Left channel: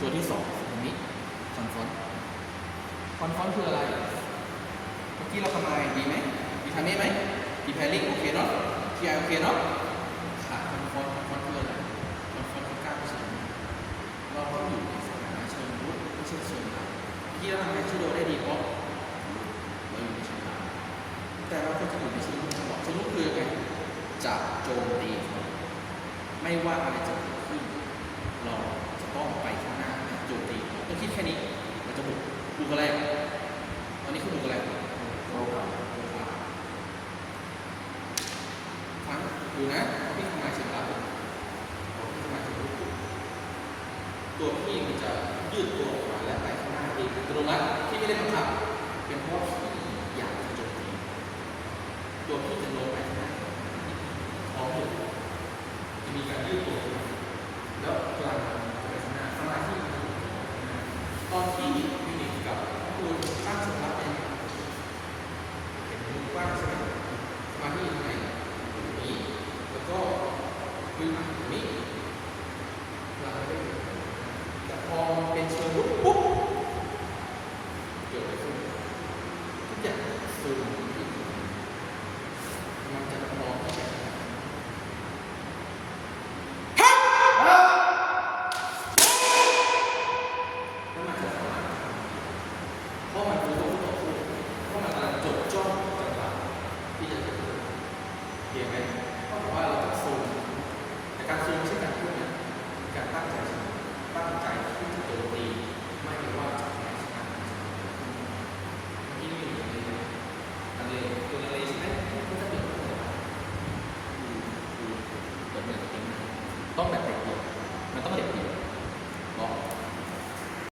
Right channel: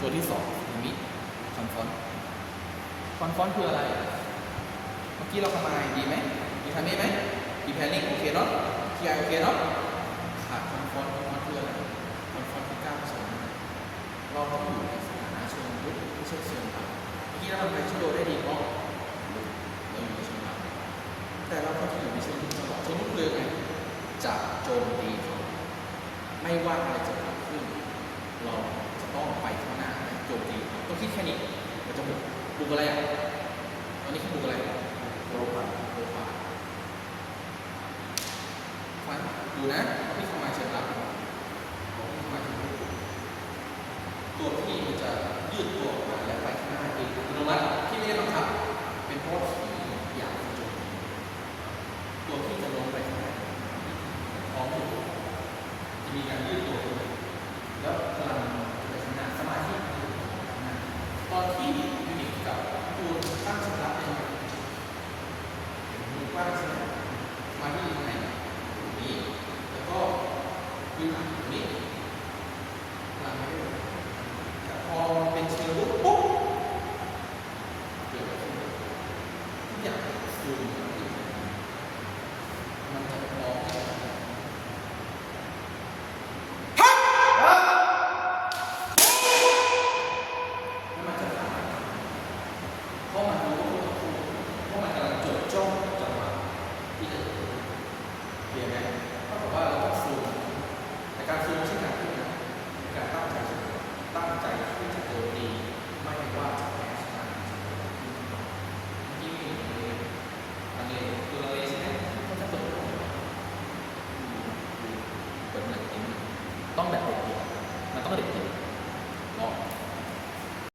ตัวที่สองนี้คอนฟอนคืออะไรเมื่อกี้เราทำไมดีไหมดีทำนี้ไหมดีแพริ่งโอเคเนาะทีไอโอเคเนาะขาดคอนฟอนคืออะไรคอนฟอนคือกล้ามเชิงเราต้องอยู่ในสถานะเชิงลุกไม่ใช่เชิงรับเมื่อกี้เราทำไงชูโดได้ดีเพราะเราอยู่ในเชิงรับแต่เราก็จะอยู่ในเชิงลุกจังหวะเชิงลุกคือไงจะโจมตีไม่ว่าอะไรจะเกิดขึ้นเราจะต้องไปข้างหน้าโจมตีต้องคิดแค่นี้เราจะบุกอะไรอ่ะตอนนี้คือบุกอะไรโรคาฟังดูนะพี่เข้ามาเชิงรับพี่เข้ามาเชิงรับตัวพี่มันจะยืดตัวออกมาและไปข้างหน้าเองอัตโนมัติที่ไม่ได้บังคับเป็นเพราะพี่อยากจะโจมตีตัวพี่จะลงไปข้างหน้าพร้อมอยู่จะมีการยืดตัวแล้วพลังไปข้างหน้าสมาธิตอนที่ยูนิตกับตัวตั้งสำรับเองเห็นกว้างใช่ไหมสมาธิข้างในตรงนี้แล้วก็คุยหมายตรงนี้พลังได้แต่พอเป็นเชิงลุกปุ๊บเกิดอะไรขึ้นทุกอย่างซูมมันจะมองไม่เห็นเพราะมันรู้เพราะมันกำลังจดจ้องจังหวะที่จะเกิดเห็นไหมเพราะว่าเราต้องซูมแต่การซูมไม่ใช่การพูดนะการตั้งใจที่จะโจมตีไม่ว่าจะแพ้ชนะที่นี่ลังเลตัวลังเลใช่ไหมเขาจะเปิดเหมือนต้องแบบเด็กเดียวมันต้องเด็กเดียว